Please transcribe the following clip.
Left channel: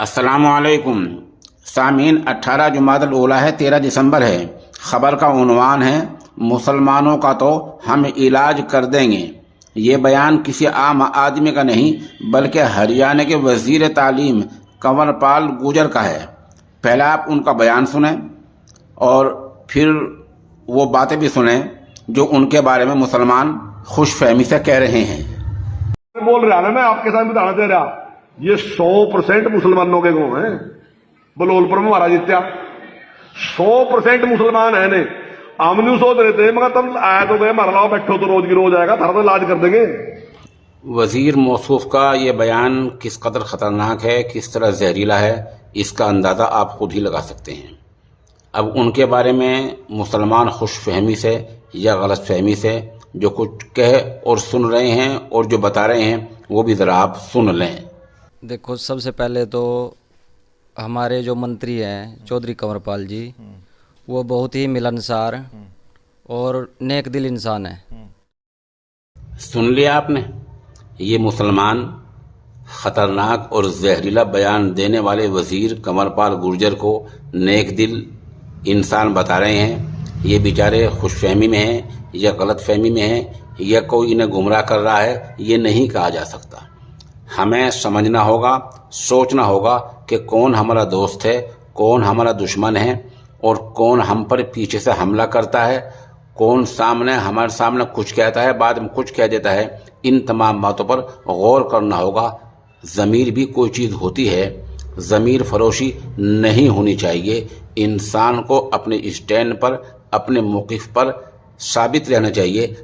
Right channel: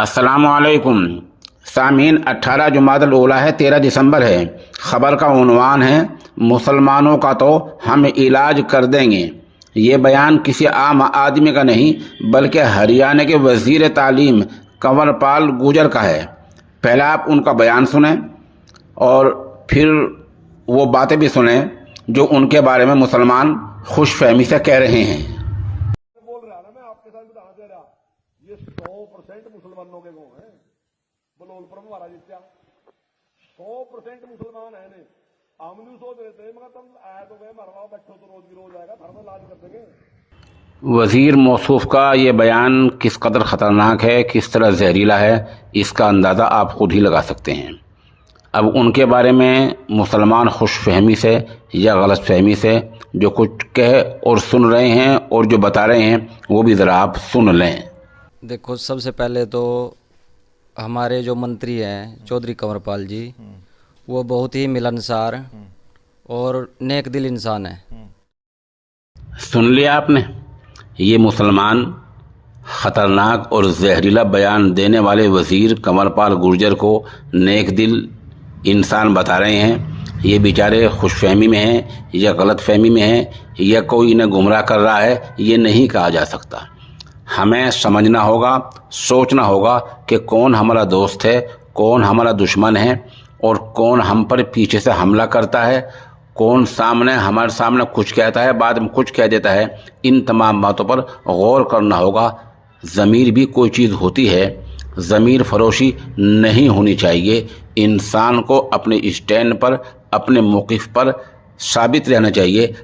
अस्सलाम वालेकुम सामीन। 18 जुमादुल ऊला है, 13 दिसंबर है। खबर का उन्वान है मुसलमानों का तो हम इलाज कर देंगे। ये बयान किसी आम आदमी का नहीं बल्कि हरियाणा के वजीर तालीम कंवरपाल गुर्जर का है। पहले आप उनका बयान सुने और फिर वो बातें भी सुने जो उनके बारे में मुसलमान खुशफहमी से कह रहे हैं। बोल रहा ना, मैं आपके साथ बताना दे रहा, ये 100% मुसलमानों के गांव है। बलोलपुर में हमारा जीत्या 100% मुसलमान है ने। हम नहीं सोच रहे थे, मगर तुम आए तो गए, हमारा लाओ बैठो तो रोज की रोज आएगा, थारा तो इलाज कर देंगे। वजीर मौसूफ का ये बयान किस कदर ख़तरनाक है, किस तरह जहरीला है, इसका अंदाज़ा आप खुद ही लगा सकते हैं। अब उनके बारे में मुसलमान खुशफहमी से या गलत फहमी से जो कुछ कह और सुन रहे हैं और जो बता रहे हैं वो भी ज़रा आप सुन लें। देखो, सबसे पहले तो हमारे जो मंत्री हैं चौधरी कंवरपाल जी, वो बहुत ही मिलनसार और नेक दिल इंसान है। सुन लिया आपने, ये मुसलमान ख़तरनाक और जहरीला बयान देने वाले वज़ीर कंवरपाल गुर्जर को नेक दिल इंसान बता रहे हैं। ये बेचारे खुशफहमी में हैं या गलत फहमी में हैं या कोई इन्हें गुमराह कर रहा है, ये नहीं कहा जा सकता। हमें समझना होगा, सोचना होगा कि कौन हमारा दोस्त है, कौन हमारा दुश्मन है और कौन हम पर पीछे से हमला करता है, कौन सामने हमारे सामने कुछ कहता है बाद में कुछ कह देता है। इन तमाम बातों पर गौर करना होगा। ज़मीर भी कोई चीज़ होती है, ज़मीर फरोशी नहीं होनी चाहिए। इंसान को अपने स्टैंड पर, अपने मौक़िफ़ पर साबित रहना चाहिए।